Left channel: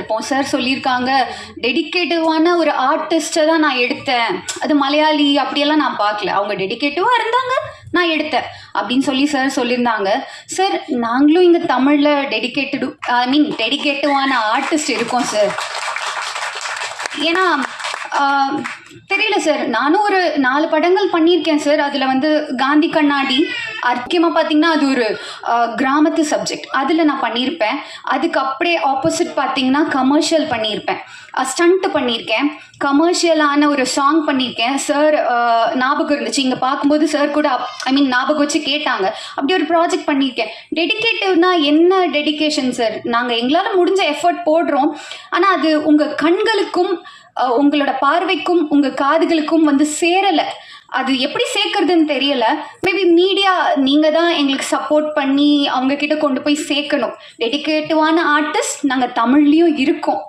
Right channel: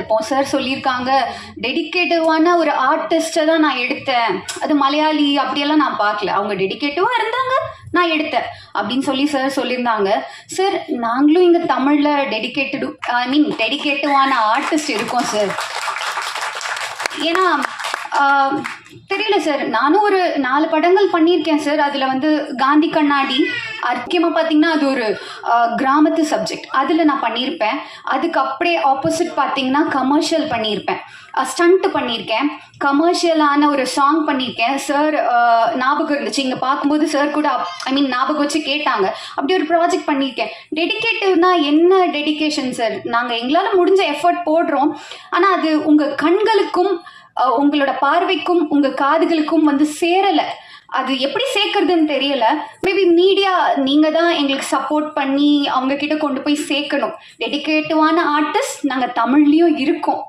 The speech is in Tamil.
பார்த்துருப்போம். சார் சொல்லியிருக்காங்க, டெடிகேட்டிவான ஒரு ஆர்டிஸ்ட்டை தான் நான் எடுத்தேன், அது மலையாளி அப்படியெல்லாம் நான் பார்க்கல, அவங்க டெடிகேட்டிவாக இருந்தாங்க, நான் எடுத்தேன் அப்படின்னு சொல்லி சார் சொல்லியிருந்தாங்க. சார் நாங்களும் இங்கே தமிழில் டெடிகேட்டிவான ஆர்டிஸ்ட் இருக்கோம் சார். ஏன்னா தெரியல சார், நானும் ஒரு 4 படங்கள் பண்ணியிருக்கேன் சார். அதில் வந்து காந்தி கண்ணாடி முக்கியமாக பார்த்தீங்கன்னா அது ஒரு கிராமத்து சப்ஜெக்ட், அதில் நான் பண்ணியிருப்பேன். அதுக்கு அப்படியே ஆப்போசிட் பார்த்தீங்கன்னா கமர்ஷியல் பண்ணியிருப்பேன், ஸ்டண்ட் பண்ணியிருக்கேன், கமர்ஷியலான ஒரு சாங் பண்ணியிருக்கேன். சார் ஞாபகம் இருந்துச்சு, இங்கே பார்க்கும்போது சார் கூட ஞாபகம் வச்சு கேட்டாங்க, அப்படி ஒரு ப்ராஜெக்ட் பண்ணியிருக்கேன். டெடிகேட்டிவ்னா என்ன டெடிகேஷன் சார்? நாங்கள் எங்களால் முடிஞ்ச எஃபர்ட் போடுறோம், ஆனால் அது உங்கள் கண்களுக்கும் உங்களோட பார்வைக்கும் உங்கள் காதுகளுக்கும் வந்து சேரலை. அது எப்படி சேர்க்கறதுன்னு தெரியல. மேபி மீடியா நீங்கள் தான் எங்களுக்கு சப்போர்ட் பண்ணி அவங்க கிட்ட கொண்டு போய் சேர்க்கணும். டெடிகேட்டிவான ஆர்டிஸ்ட் நாங்கள் தமிழ்லேயும் இருக்கோம்.